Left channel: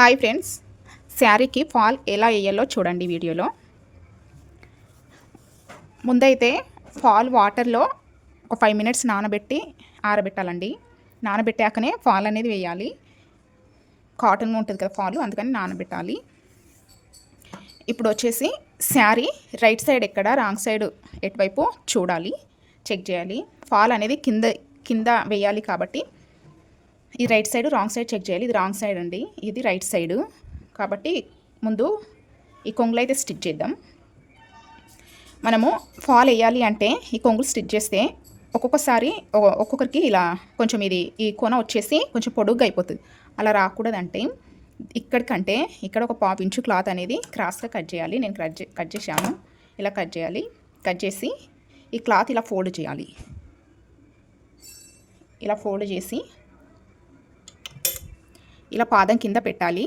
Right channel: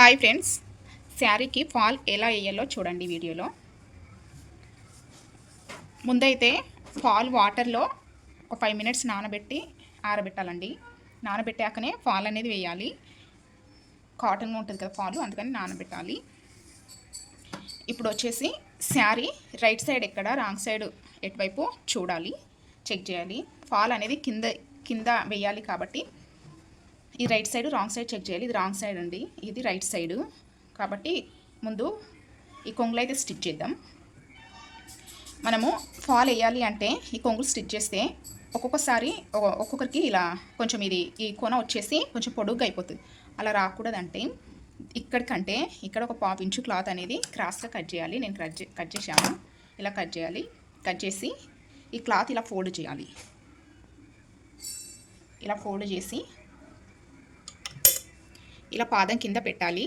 Hi friends శారీకి fall ఎలా వేయాలో చూడండి వీడియోలో. ముందైతే ఫాల్ వాటర్లో ఒక ఫైవ్ మినిట్స్ నానబెట్టి ఆరబెట్టాలండి. నానబెట్టాకనే ఫాల్ అనేది వేయాలి. కాటన్ ఉంటుంది కదా ఫాల్ అందుకని నానబెట్టాలి. ఇప్పుడు వచ్చేసి శారీ రైట్ సైడ్ ఎక్కడ రాంగ్ సైడ్ ఎటువైపు చూడాలి చెక్ చేయాలి. ఫాల్ అనేది కింద కింద వేయాలి కాబట్టి ఈ right side wrong side check చేయాలి. ఇది రాంగ్ సైడ్ అండి. ఇది రైట్ సైడ్. కాబట్టి ముందు ఈ కొంగులు అయితే స్టిచ్ చేద్దాం. మనము ఫాల్ వేయాలి అంటే ఈ కొంగులు స్టిచ్ చేస్తే ఒక్కొక్కసారి ఒ- ఒక్కొక్కరికి ఇలా కొంచెం ఇది ఈ కొన వచ్చేసి కొంచెం పొడుగ్గా అయిపోతుంది. అలా రాకూడదంటే ఇక్కడికంటే ఇక్కడ ఒక పావు ఇంచు క్లాత్ అనేది క్రాస్గా కట్ చేయాలి. నేను కట్ కట్ చేశాను. ఇలా కట్ చేయాలి. కట్ చేసి ఈ క్లాత్ ఇలా ఫోల్డ్ చేయాలి. ఇలా ఫోల్డ్ చేసి ఇలా పాదం కింద పెట్టాలి.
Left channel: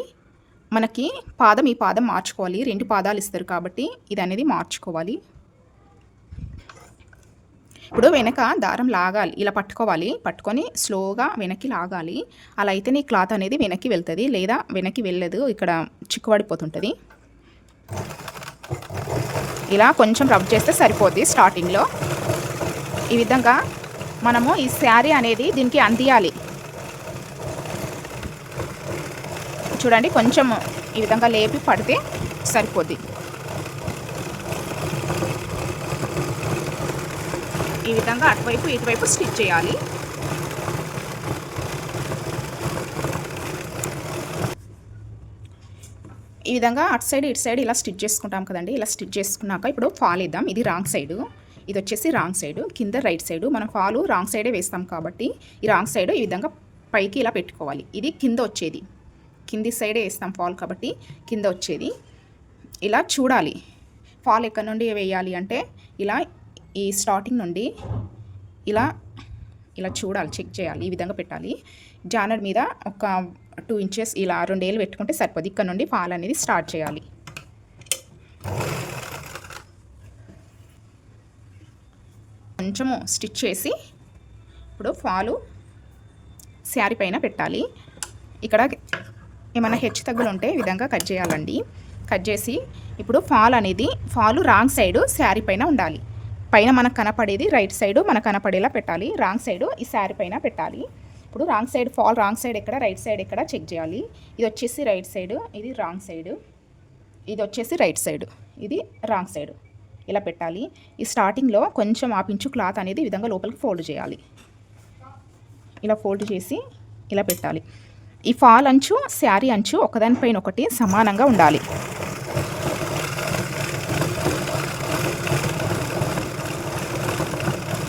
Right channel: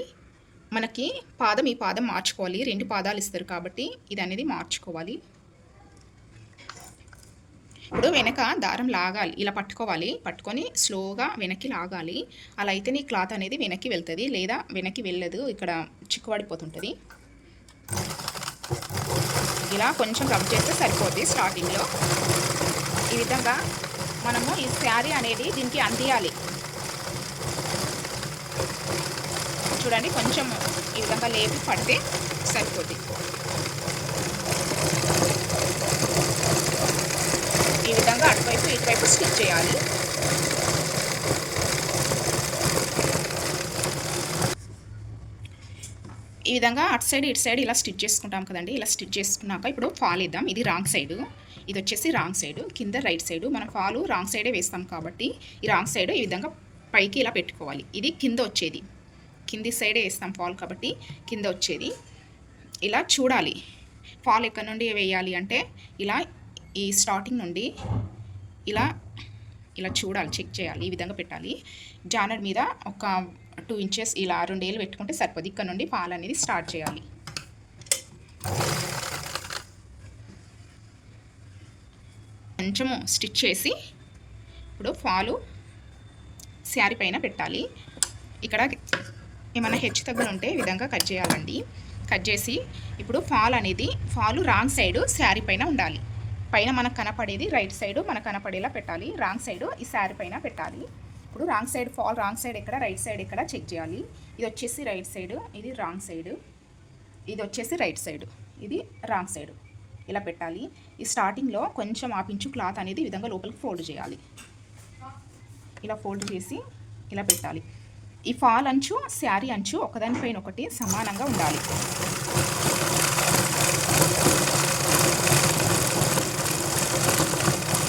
మనకి పాదం ఈ పాదం మార్చుకోవాలి. రెండు పాదాలు ఇస్తారు కాబట్టి ఇది అనేది మార్చుకోవాలి. ఇప్పుడు వెనక దారం లాగాలి. ఇలా పట్టుకోవాలి. పట్టుకొని స్లోగా వెనక్కి లాగాలి. అలా అయితే నీ క్లాత్ అనేది వెనక్కి వెళ్తుంది. లేదా వెనక్కి వెళ్ళదు. ఇక్కడ చిక్కుబడిపోతుంటుంది. ఇలా కొంచెం రబ్ చేస్తే సరిపోద్ది స్టార్టింగ్లో ఈ విధంగా మనము ఈ శారీ అనేది దీనికి అందియాలి. చూడండి కొంచెం ఈ విధంగా లేపి పడితే సరిపోద్ది. ఈ విధంగా అటువైపు ఇటువైపు స్టిచ్ చేయాలి. ఈ విధంగా అటు సైడ్ ఇటు సైడ్ ఇలా స్టిచ్ చేసుకుంటాం కదండి. ఇలా స్టిచ్ చేసుకున్నాక ఇప్పుడు ఫాల్ ఇద్దాం ఇది రాంగ్ సైడ్. ఇది వచ్చేసి రాంగ్ సైడ్. కింద రైట్ సైడ్. మనం ఫాలు రాంగ్ సైడే వేస్తాం కాబట్టి ఈ రాంగ్ సైడ్ ఈ విధంగా పైకి ఇలా పెట్టుకోవాలి. ఇది కింద వచ్చేది. కింది సైడే వేస్తాం ఫాల్ కాబట్టి కింద వచ్చేది. ఇలా చూడాలి. ఫాల్ ఎక్కడి నుండి వేయాలి అంటే ఇలా ఈ స్టార్టింగ్ నుండి ఇలా ఇలా చూడాలి చెక్ చేయాలి ఈ విధంగా పెట్టాలి. జానర్ మీద ఒక టూ ఇంచెస్ ఇలా రెండేళ్ళు పెట్టుకుంటే సరిపోదు. ఇక్కడ నుండి ఫాల్ అనేది స్టార్ట్ చేయాలి. కొంచెము స్టిచ్ చేసి ఇప్పుడు ఫాలు శారీ పైన పెట్టాలి. ఇక్కడ ఏమైనా హెచ్చు తగ్గులు ఉంటే ఈ విధంగా కట్ చేయాలండి. కట్ చేసి ఇప్పుడు ఫాల్ అనేది ఫాలు రాంగ్ సైడ్ శారీ పైన ఉండాలి. పైన మనకు కనపడేది రైట్ సైడ్ మనకు కనపడేలా పెట్టాలి. రాంగ్ సైడ్ ఈ శారీ పైన పెట్టాలి. ఇప్పుడు wrong side fall wrong side ఎక్కడ రైట్ సైడ్ ఎక్కడ చెక్ చేయాలి. ఇది వచ్చేసి రైట్ సైడ్ ఇది రాంగ్ సైడ్ ఇది వచ్చేసి రైట్ సైడ్ ఇది రాంగ్ సైడ్. ఇలా పెట్టాలి. ఈ స్టార్టింగ్లో కొంచెం ఆపించు క్లాత్ అనేది ఈ విధంగా లోపలికి ఫోల్డ్ చేయాలి. ఇలా ఫోల్డ్ చేసి ఇలా పెట్టాలి. ఈ ఫాల్ అంచు శారీ అంచు ఒకదానిపైన ఒకటి సమానంగా ఉండాలి.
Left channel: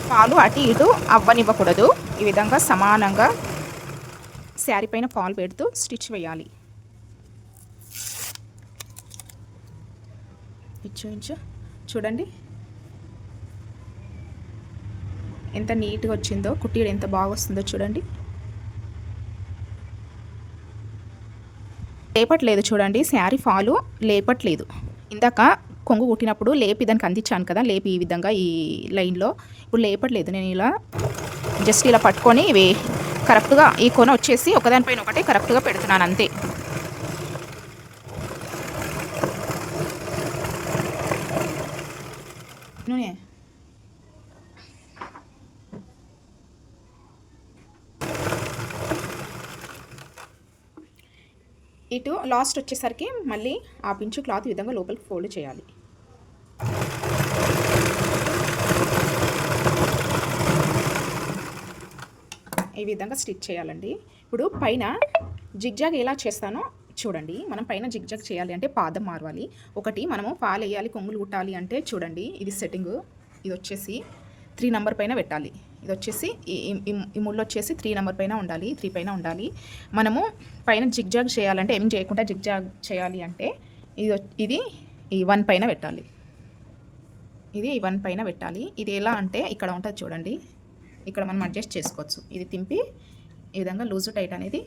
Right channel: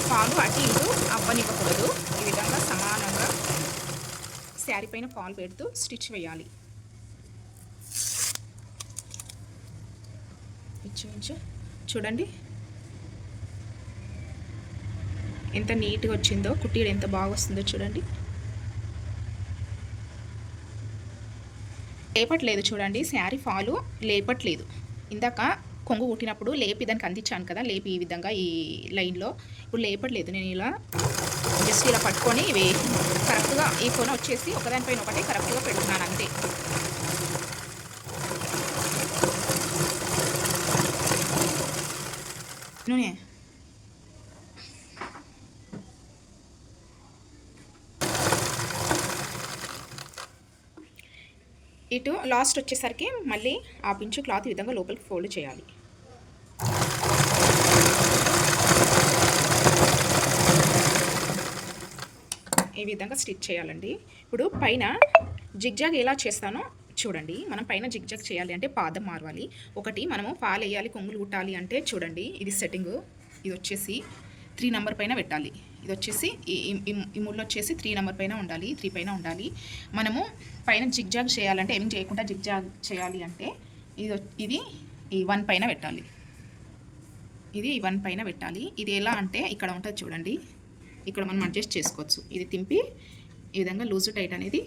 ఫాలు అటు ఇటు అవ్వనివ్వకూడదు. ఈ విధంగా సమానంగా శారీ పైన ఫాల్ పెడుతూ స్టిచ్ వేయాలి. ఇచ్చు ఇంచు చూడండి. ఎంత నీట్గా వచ్చిందో కుట్టీలు ఎంత బాగా వస్తుందో చూడండి. లేపట్లేదు చూడండి శారీ ఫాలు లేపట్లేదు. ఇందాక కొంగు కుట్టినప్పుడు లేపి దానికి అందించాను కదా లేపి ఈ విధంగా ఈ లైన్లో. ఇప్పుడు లేపట్లేదు నేను ఇలా జస్ట్ ఇలా పట్టుకొని ఇవి కరెక్ట్గా ఈ కొన వచ్చేసి ఒకదానిపైన ఒకటి కరెక్ట్గా పెడుతున్నాను అంతే. నూనె. ఇటు లాస్ట్ వచ్చేసరికి మళ్ళీ ఆ పించు క్లాత్ ఈ విధంగా లోపలికి ఫోల్డ్ చేయాలి. ఈ విధంగా స్టిచ్ చేయాలండి. ఇప్పుడు పైన జిగ్జాగ్ ఎలా చేస్తానో చూడండి. మనం పైన జిగ్జాగ్ చేయాలి అంటే పాదం మారవాలి. ఒకటి మనము పాలు వేయాలి కొంగులు కుట్టాలి అంటే చూడండి. ఇది సెట్టింగ్. ఇది వచ్చేసి త్రీ నెంబర్ పైన పెట్టాలి. ఇది వచ్చేసి ఈ ముళ్ళు వచ్చేసి త్రీ నెంబర్ పైన ఉండాలి త్రీ పైన ఉండాలి. మనము పైన జిగ్జాగ్ చేయాలంటే ఏం చేయకుండా జిగ్జాగ్ చేయాలి అంటే ఇది ఇది ఈ వన్ పైన పెట్టాలి. ఇది ఈ వన్ పైన పెట్టాలి. ఇది ఎలా అంటే ఇక్కడ ఉంటుంది చూడండి. ఇక్కడ మనం అడ్జస్ట్ చేసుకోవచ్చు. ఇది తింపి ఈ విధంగా లూజు టైట్ అనేది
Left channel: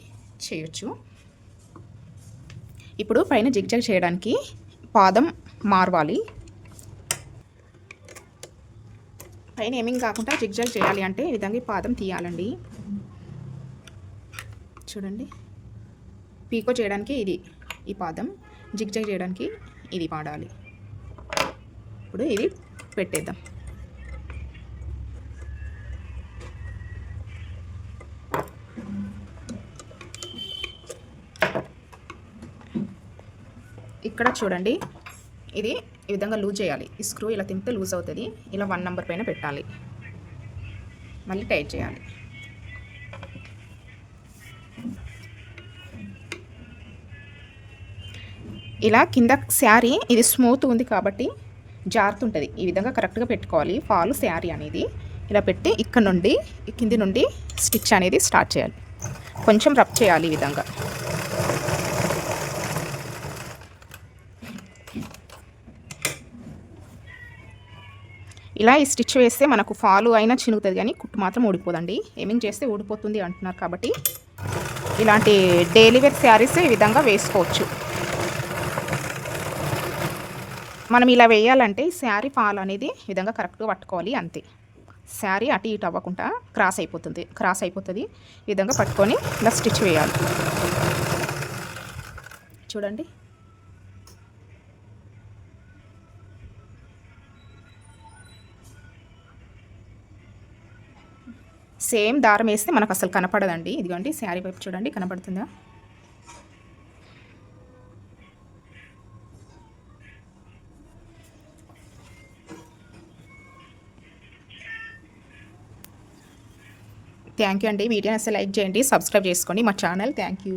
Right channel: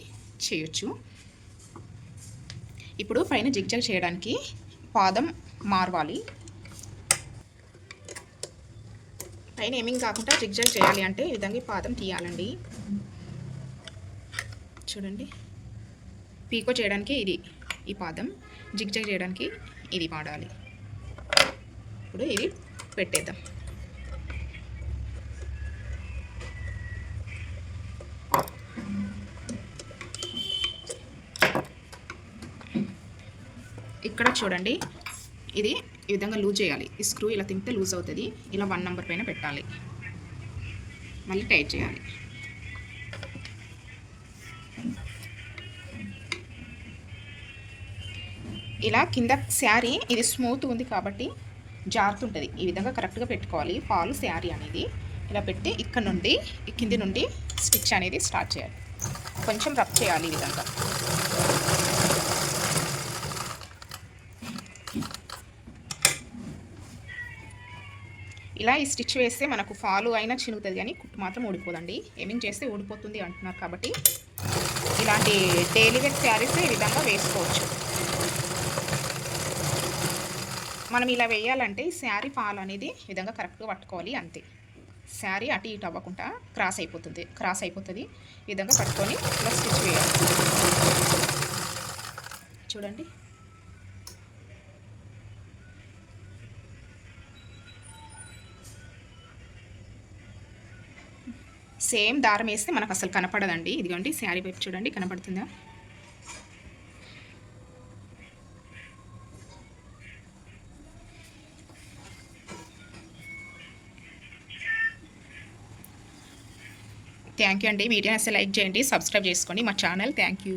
చేయొచ్చు. ఇప్పుడు పైన జిగ్జాగ్ చేయడానికి పాదం మార్వాలి. పైన ఏమింగ్ కాకుండా జిగ్జాగ్ చేయాలి అంటే ఈ విధంగా ఈ పాదం తీయాలండి. చూడండి. పీకో చేయడానికి ఇది ఈ పాదం జిగ్జాగ్ చేయడానికి ఇది వాడాలి ఇప్పుడు ఇది పెట్టేద్దాం. ఇక్కడ చూడండి. ఇది ఈ విధంగా లూజ్ చేయాలి. ఈ స్క్రూ ఇలా తింటే లూజ్ అవుతుంది. ఇలా వన్ నెంబర్ పైన పెట్టాలి. మళ్ళీ టైట్ చేయాలి. ఇలా కింద శారీ ఇది స్మూత్ ఉంది కాబట్టి జారుతుంటుంది. ఈ విధంగా కరెక్ట్గా పెట్టుకోవాలి. ఫాల్ శారీ అనేది. ఇలా పెట్టి ఇక్కడ నుండి కింది నుండి స్టిచ్ అనేది స్టార్ట్ చేయాలి. కొంచెం రబ్ చేయాలి ఈ విధంగా. ఇలా ఈ స్టిచ్ వేస్తే మనకు ఫాలు అయినా చినుగుతుంది కానీ కుట్టు మాత్రం ఊడిపోదండి. ఏమింగ్ చేస్తే ఊడిపోతుంది అంటున్నారు కాబట్టి ఇలాంటి డైలీ వేర్ శారీస్ ఈ విధంగా వేసుకోవచ్చు. మనం ఇలా వేయాలంటే ఈ శారీ ఫాల్ అనేది ఈ విధంగా కరెక్ట్గా పట్టుకోవాలి అంతే. శారీ అటు ఇటు అవ్వకుండా క్రాస్ అయిపోతుంది క్రాస్ అయిపోతుంది. ఈ విధంగా పట్టుకొని ఇలా స్టిచ్ వేయాలి. చూడండి. సేమ్ దారం వేస్తే మనకు అసలు కనపడదండి. ఇదిగోండి శారీ వైపు చూడండి కనపడుతుందా? థ్యాంక్ యూ అండి. వీడియోని అసలు లైక్ చేయండి సబ్స్క్రైబ్ చేసుకోండి మా ఛానల్. Thank you.